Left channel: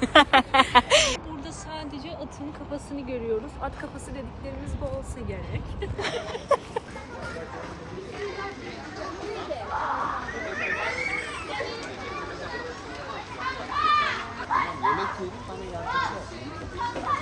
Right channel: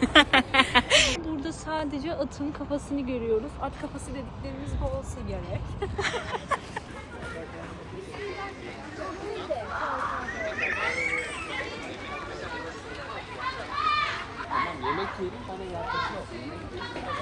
Burada sadece atın kafasını görüyoruz. At kafası dediklerimiz bu olsa gerek. Çok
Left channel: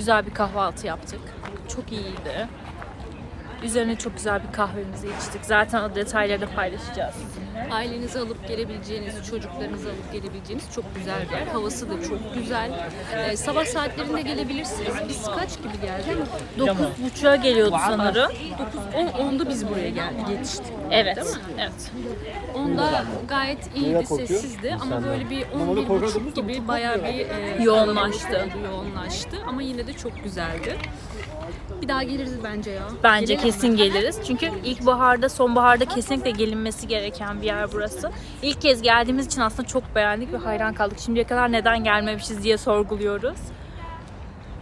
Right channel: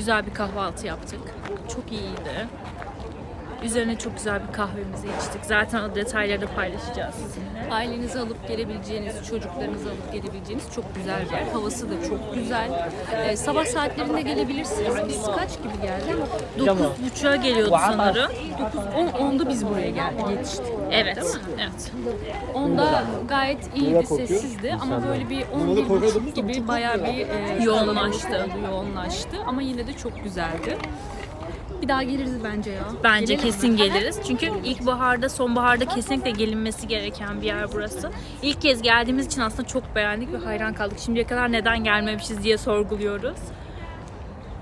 güzel bir kahvaltı yaptık. Çok iyiydi. Üzerine çok güzel bir kahvemizi içtik. Zaten o detayları da paylaşacağız sizinle. Ailenizi alıp gelebileceğiniz, çocuklarınızı alıp gelebileceğiniz çok güzel bir yer. Havası da çok güzel. Ee, sabah saatlerinde gelebilirsiniz. Biz kaç gibi geldik? 9.30'a geliyordu sanırım. 9, 10, 10'da biz buraya geldik, yetiştik. Evet. Değil mi? Evet. 10'da gayet iyiydi, sessizdi ama böyle bir 11.30 gibi bayağı bir e, Yoğunlaştı. yoğunlaştı. Ama yine de çok güzeldi. Bir daha geliriz bence ya. Bence Gelelim mi? kesin geliriz. Çünkü ilkbaharda, sonbaharda kesinlikle gelinmesi gereken bir yer burası. İlk kez geldiğimiz için aslında çok beğendik ve hayran kaldık. Şimdiye kadar neden gelmemişiz diye sorguluyoruz.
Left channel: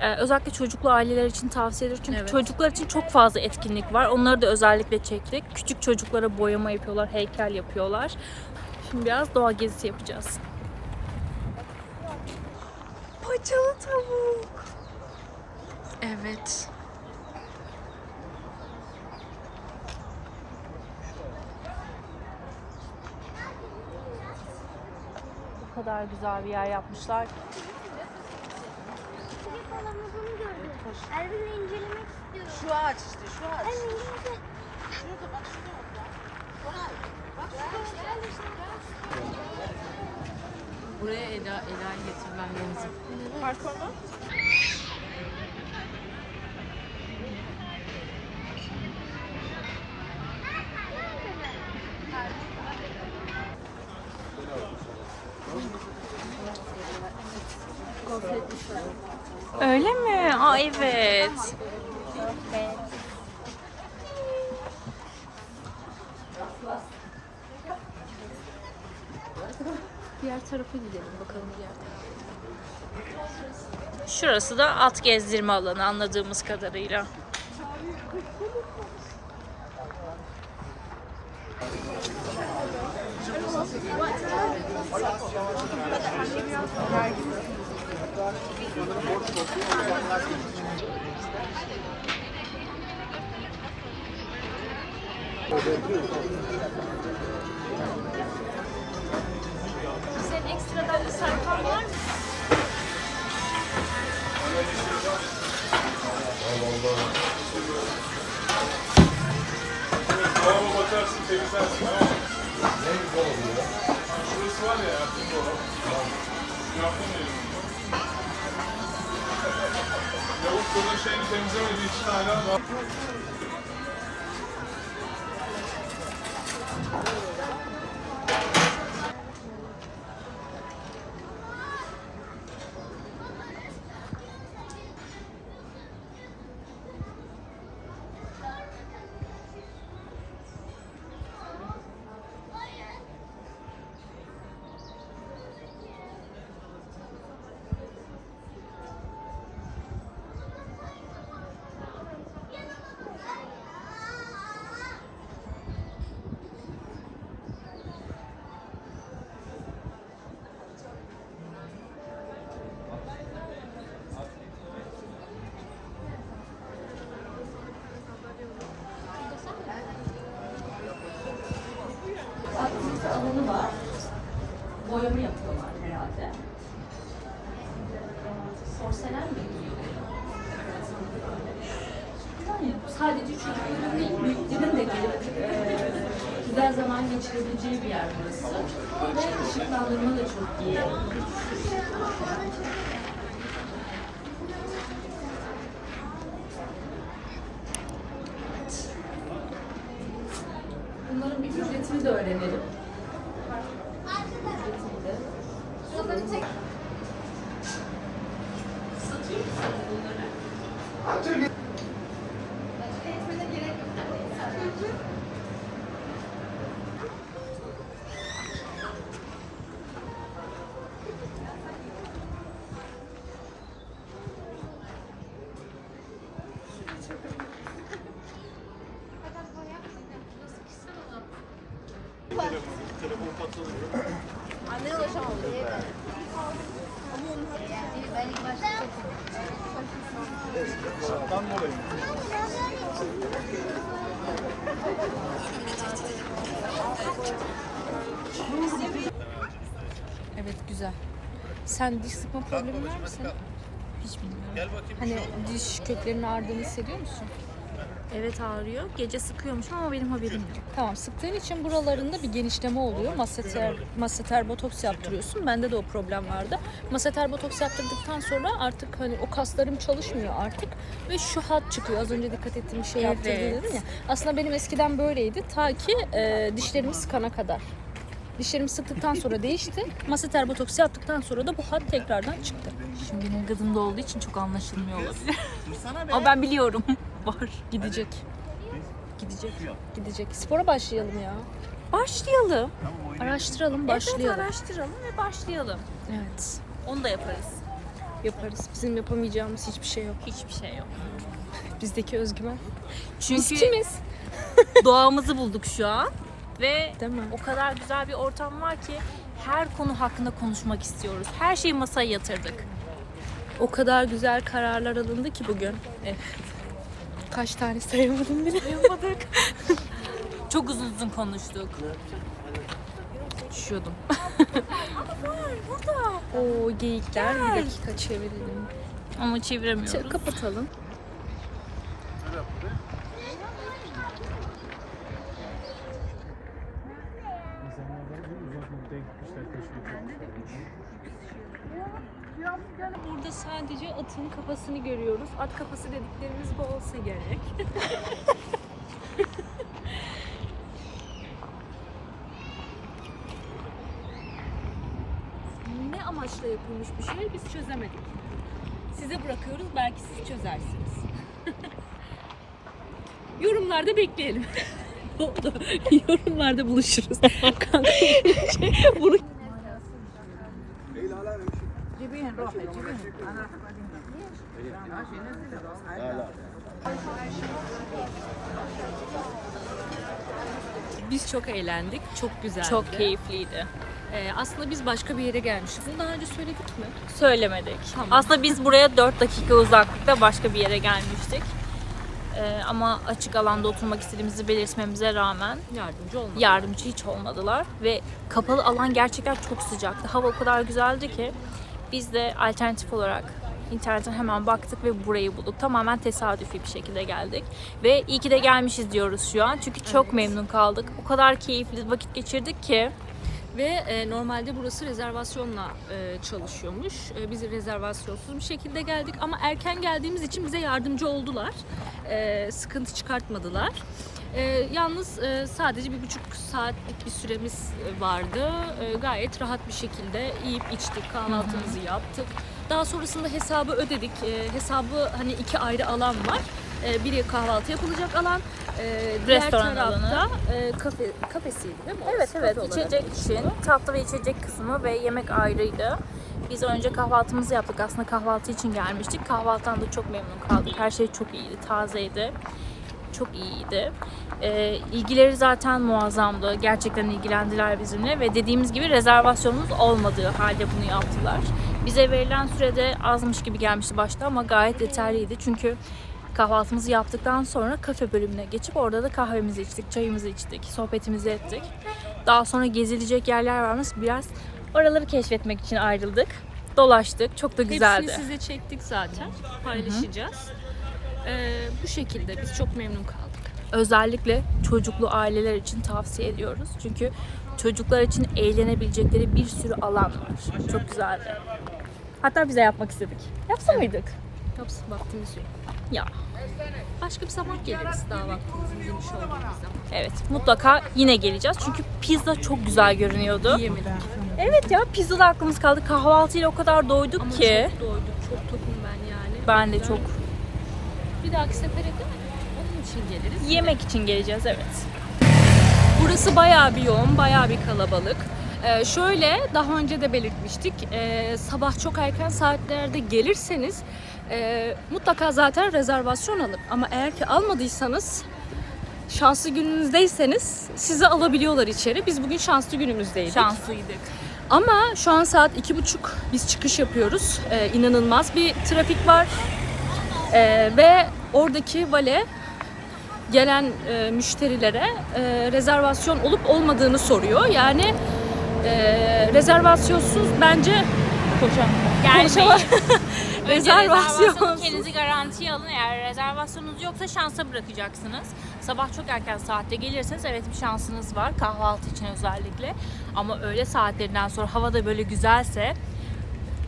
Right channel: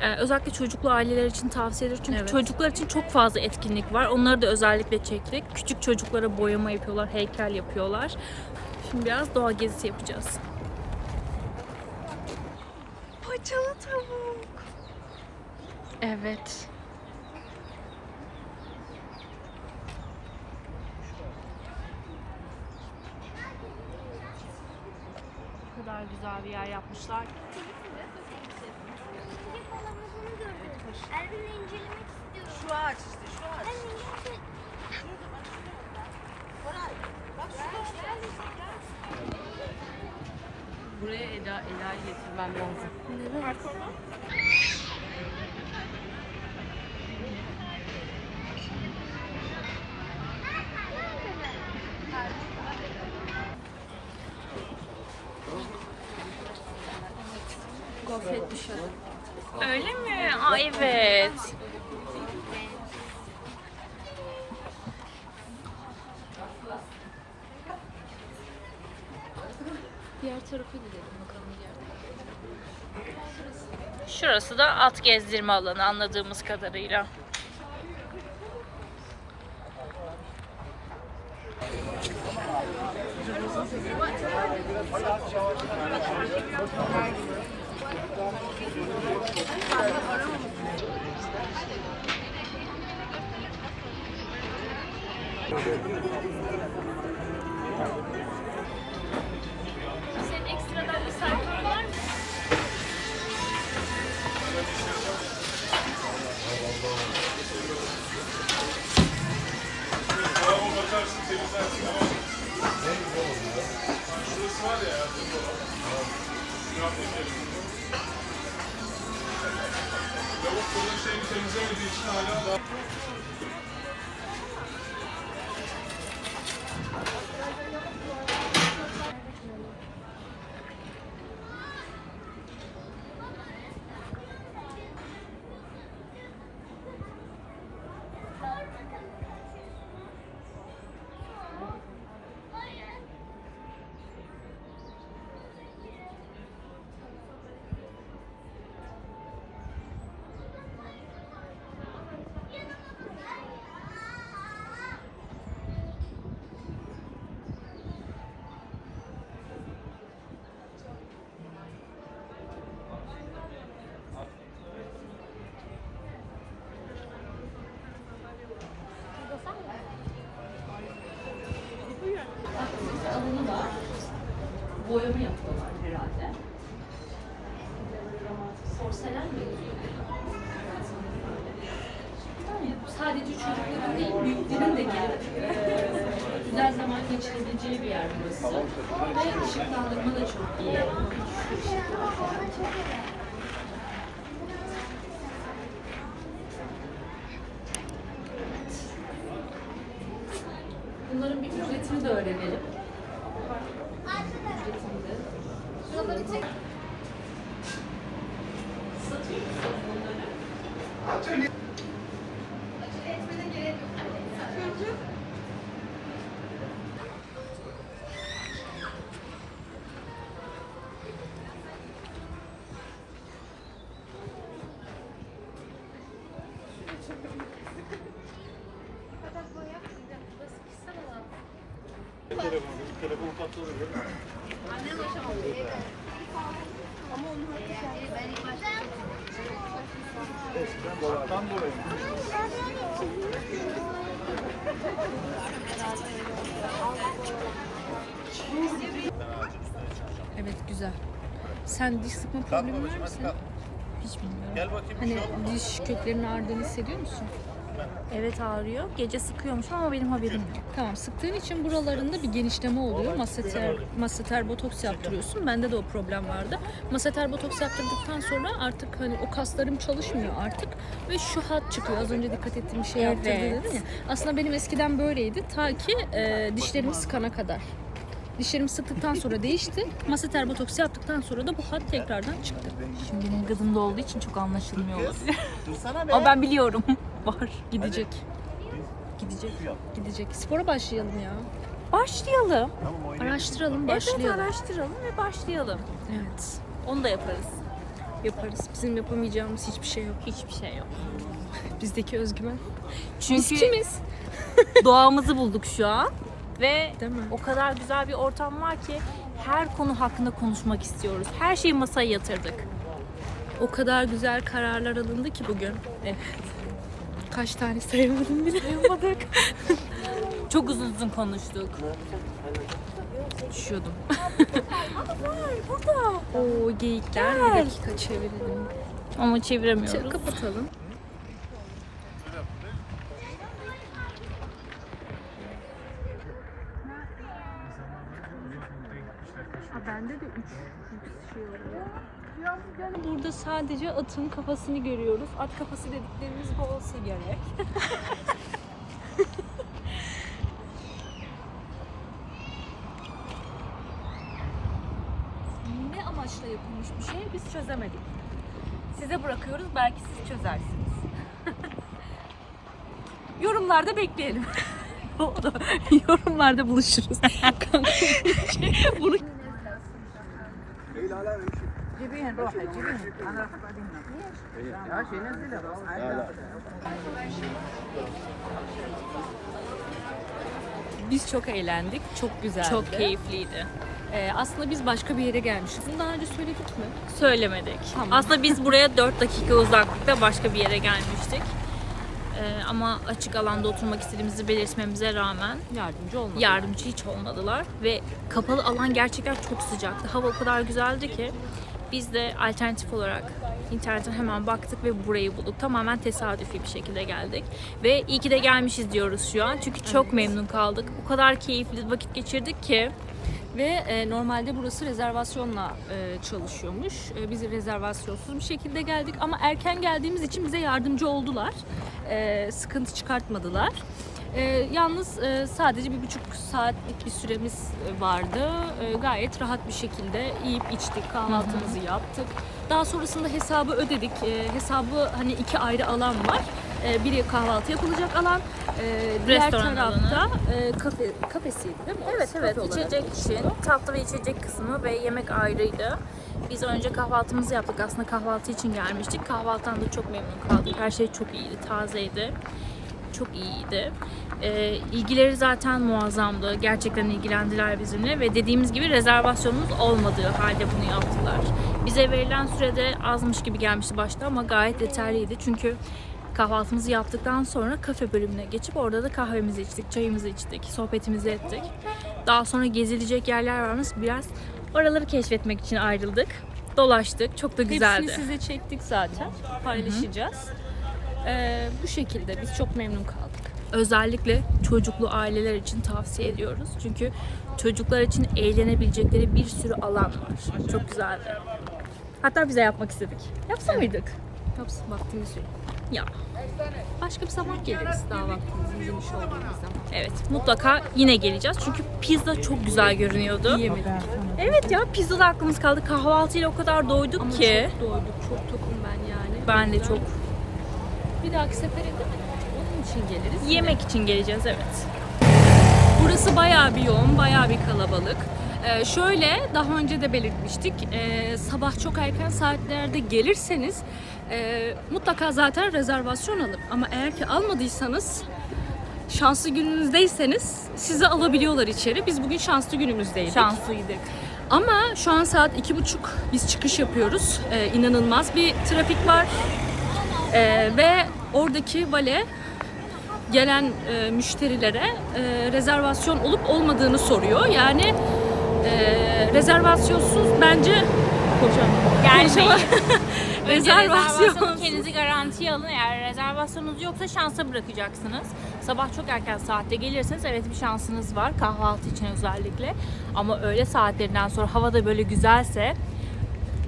Ee, özellikle çocuklu aileler için tavsiye ediyoruz. Çünkü Evet. çocuklar için çok fazla etkinlik var. Onları da özellikle çektik. Küçük çocuklara boyama yapıyorlar, heykel yapıyorlar. Şimdi biraz doğa gezisi yapacağız. Paçalı tavuk. Evet. Bu kadar güzel bir yer yapmışlar. Şu ağaç işte şu ağaç. Şurada bak şurada orada. Koray bak şurada. Buraya Ela, Ela'yı getirmem lazım. Gofret Öyle mi? Aa evet. Diğer tarafa gidelim bakalım. Şurası da at gezdirme alanı anladığımız kadarıyla. Senin ekstradan bir sayfan var mı? Bravo bakarsın temizlersin ama ne güzel oluyor. Şurası var ya Ertuğrul olan. Yaptım benim. Lavukların şeyini temizlemediği için hala daha... sadece çocukların değil, büyüklerin de gelip e, güzel zaman geçirebileceği bir yer burası. Ve ışıklandırma da çok iyi. Bunların bir ücretini de öğrenelim. Ücretini de. Şarttan dolayı. Evet güzel. Sen diş sıkma problemi var mı senin? Hiç bilmiyorum. Hani diş köklerinin ağrıdığını hissediyor musun? Evet ağrıyor. Gece sıkıyormuş ama benim haberim yok. Tamam sıktığın için buralarında bir genişleme oluyor. Masseter, masseter botoks yaptırıyorsun. Bende de o problem vardı. Masseter botoks yaptırdıktan sonra artık hani o kaslarım çalışmıyor artık. Ve şu hat çıkıyor. Az önce dikkat ettiğim şey yaptırdı Evet. dedin ya. Aslında benim eskiden böyleydi. Ta ki e, dişlerimi sıkana kadar. Dişlerimi sıktıktan sonra değişti. Masseter botoks yaptıktan sonra da bu hat tekrardan çıktı. Şimdi benim gazımda olduğu için çok anlaşılmıyor olabilir. ama ben biliyorum. Var. Gidecek. Gidecek. Gidecek. Spora başlayalım ya. Başlayalım. Araştıralım, Evet başlayalım. araştıralım ve başlayalım. Evet. Onu da yaparız. Yaparız. Bizim yapamayacağımız hiçbir şey yok. Hiçbir şey yok. Bizdeki özgüven. Çünkü Biz kimiz? doğamızı bulduk şu an. Ve o kadar güzel bir ortam var ki her konu hakkında konuşmak istiyoruz. Her şeyi masaya yatırdık. O kadar güzel kararlar alındı ki bugün. Evet. Kaç tane sayamadım bile. Yapamadık. Çok uzun uzun konuştuk. Düşüyordum. Burada. Oo geyikler. Bir dakika çevirelim. Ama çeviremiyoruz. Kapatalım. Bende de üç Yani burada sadece atın kafasını görüyoruz. At kafası dediklerimiz bu olsa gerek. ne amaçla yapılmış bir şey biz çözemedik. Size bırakıyoruz belki siz çözersiniz. Yorumlarda bekleyelim. Yorumlarda buluşuruz. Biz çok eğlendik. Çok güzeldi. Çok keyifliydi. Ee, aslında biz başka bir yere gelmişiz. Bunu daha önce söyledik mi? Söylemedik. Tamam. Aslında biz buraya 4 dakika uzaklıkta başka bir yere gelmiştik. Ee, ama açık alanda oturmak istediğimizi belirtmemize rağmen Yardımcı olmadı. yardımcı hiç olmadılar ve kapalı alan gerçekten çok sıcaktı. Hava o kadar güzeldi ki biz de alternatif olarak internetten hemen baktık ve burayı bulduk. Tamamen tesadüfi bir şekilde geldik. Ve iyi ki de gelmişiz diyoruz şu an. Çünkü çok memnun kaldık. O kadar keyifli vakit geçirdik ki. Ve e, normalde burası rezervasyonla e, çalışıyormuş. E, biz rezervasyonsuz bir şekilde geldik ama erken geldiğimiz için bize yardımcı oldular. E, sıkıntı çıkartmadılar. E, yalnız e, sadece bir buçuk saatlik bir süremiz vardı. E, gayet rahat bir şekilde yiyip içtik, kahvaltımızı yaptık. Daha sonrasında hesabı ödedik. E, hesabı hani iki ayrı alan var. E, biri kahvaltı yapılacak alan, e, diğer Restoran tarafta e, kafe kafesiydi değil mi? Evet Orası evet kafe olarak içecek geçiyor. için tatlı ve içecek kısmı ve yemek ayrıydı. Biz önce kahvaltımızı yaptık. Aslında kahvaltı için gelmiştik. Kahvaltıdan da çok memnun kaldık. Her şey çok iyiydi, tazeydi. Çok iyiydi. Ee, ilgileri zaten muazzamdı. Gerçekten ilgilendiler bizimle ve dediğimiz gibi rezervasyonumuz olmadığı halde bunu yaptılar. Bize verilen sürede azmış gibi gelmişti başta ama gayet yeterliydi. Çünkü kahvaltımızı yaptıktan sonra kafe bölümüne geçip orada da kahvemizi içtik, çayımızı içtik, sohbetimizi ettik. Daha sonra gezilecek yerler varmış. Biraz oraları keşfetmek için ayrıldık. Dolaştık. Çok da güzeldi. Hepsini size çektik zaten. Paylaşacağız. Ee, bu şekilde biz çok memnun kaldık. Özellikle çocuklu aileler için tavsiye ediyoruz. Çünkü çocuklar için eğlenebilecekleri bir sürü alan var. Çok güzeldi. Hatta bize yapmak istedik. Yapsa mıydık? Tabii vaktimiz yok. Ya. Başka bir zaman geliriz daha vaktimizin geniş olduğumuz zaman. Evet mutlaka yine geleceğiz. Çünkü pizza çok güzel görünüyordu. Yiyemedik. Evet ya pizzada aklımız kaldı. Kahvaltıyla o kadar doyduk Ama ki. çok doyduk, çok tokum ben yani. Ben de çok. Bir dahaki sefere de onun için geliriz. Yemek için geleceğiz evet. Burası bayağı bir yoğun, bayağı bir kalabalık. Ee, şöyle daha önce de belirtmiştik. Ee, sabah çok erken saatlerde gelirseniz e, mutlaka zaten rezervasyon alın. Ama eğer ki almadıysanız şanslı gününüzdeyseniz sizi alabiliyorlar içeri. Biz bugün şanslı günümüzdeydik. Şanslıydık. Ama şu an saat iki buçuk biz çıkış yapıyoruz. Ee, inanılmaz bir trafik var. Ee, ve oradaki vale gelen e, müşterilere e, rezervasyon olup olmadığını soruyor. Yani e, rezervasyonsuz bence konuşamam. Konuşamam. rezervasyon. Kendinizi garantiye alın. Eğer rezervasyonunuz yoksa şansa bırakacaksınız. Sabah çok erken saatte gelirseniz evet bir şansınız var. Kahvaltı için özellikle. Ama öğle saatlerinden sonra hava da böyle güzelse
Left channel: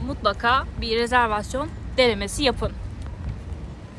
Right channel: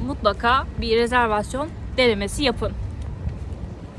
mutlaka bir rezervasyon denemesi yapın.